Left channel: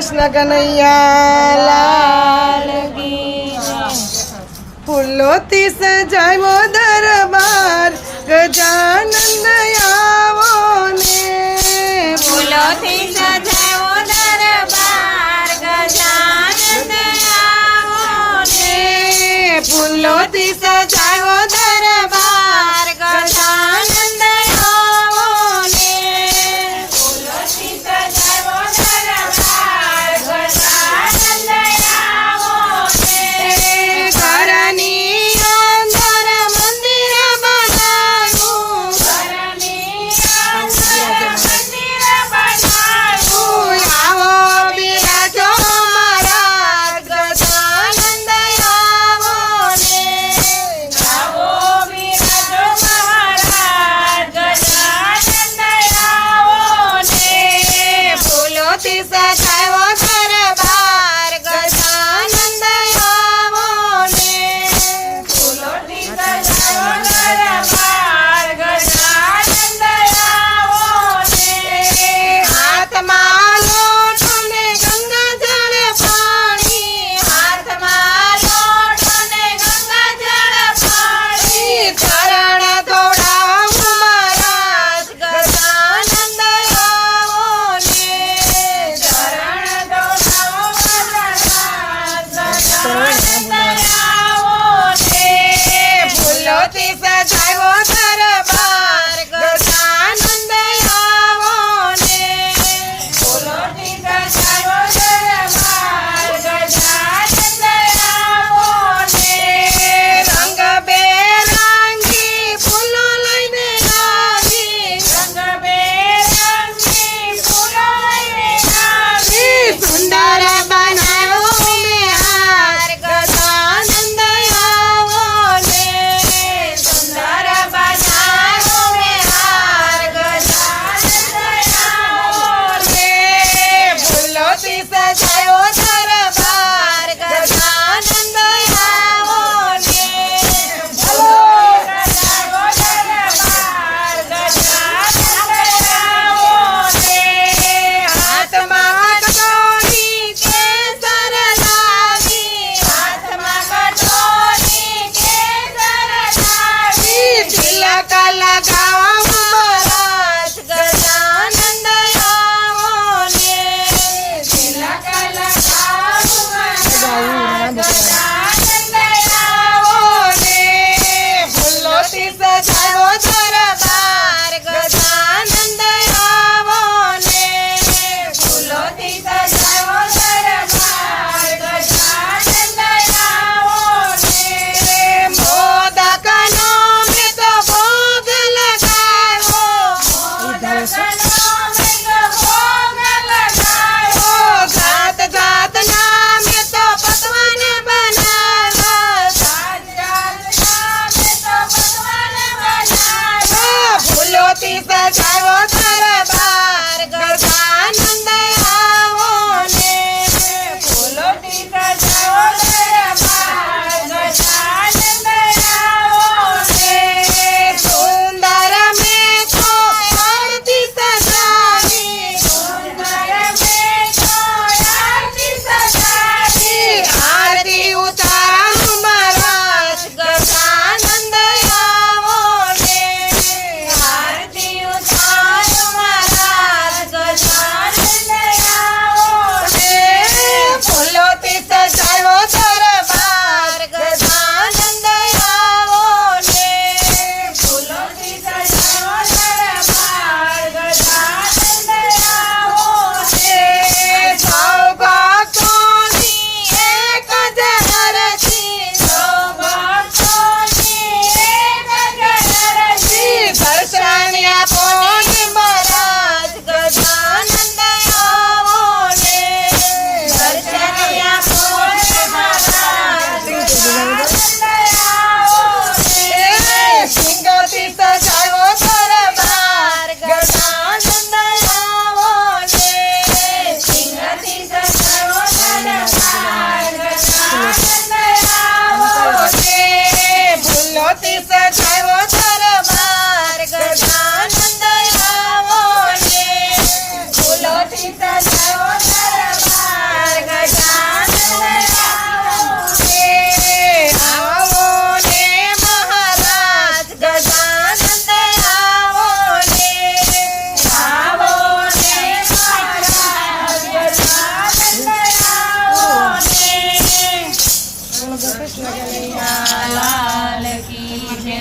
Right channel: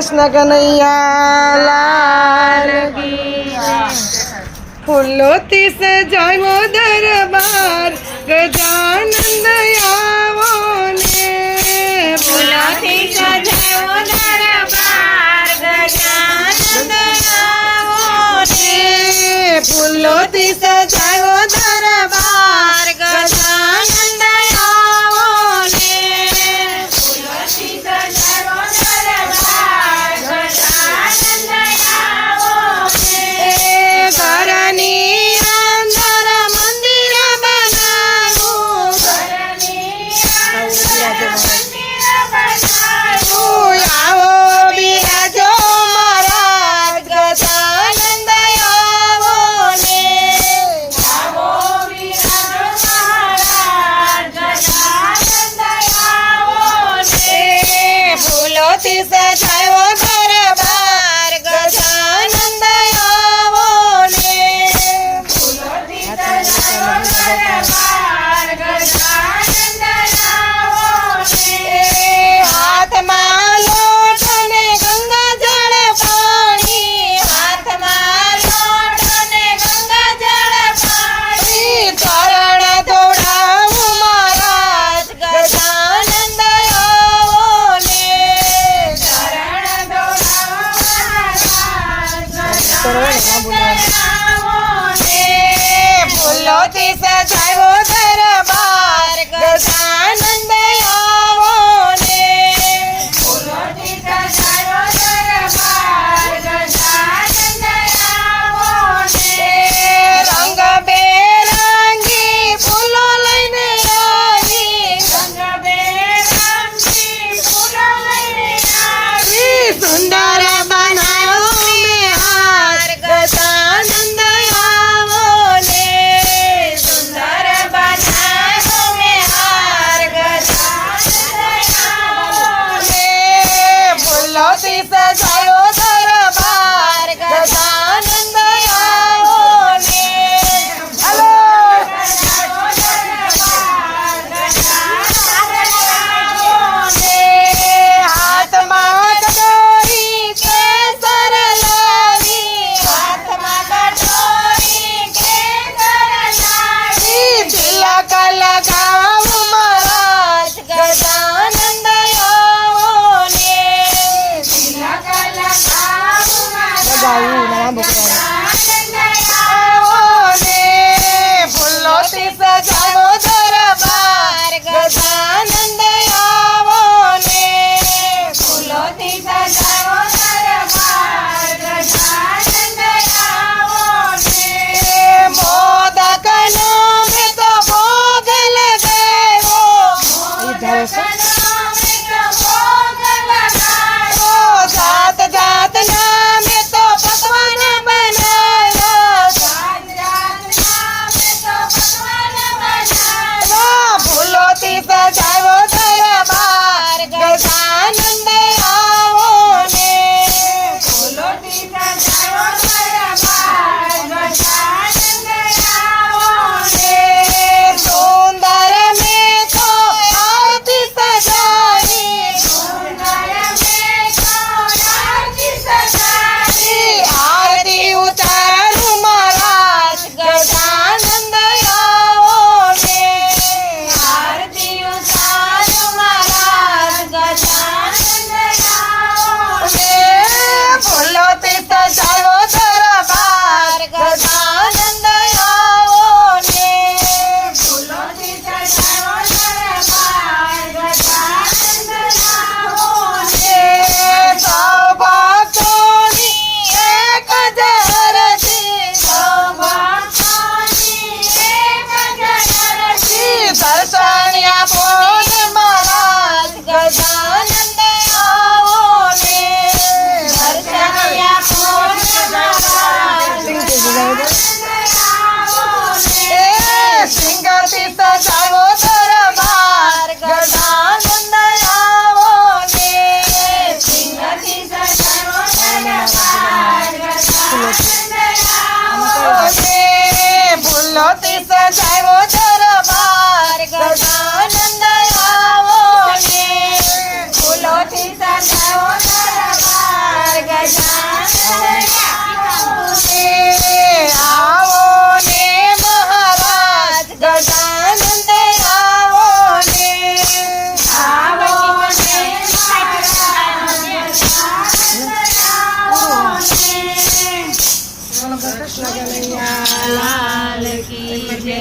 कृष्ण कन्हैया लाल फूलोती सजायो दरबार गजानंद आवो ने। फूलोती सजायो दरबार गजानंद आवो ने। फूलोती सजायो She said, Jyoti Sajai Ho Dharma જ્યોતિષ થયો દરબાર ગજાનંદ કૃષ્ણ કનૈયા લાલ કી.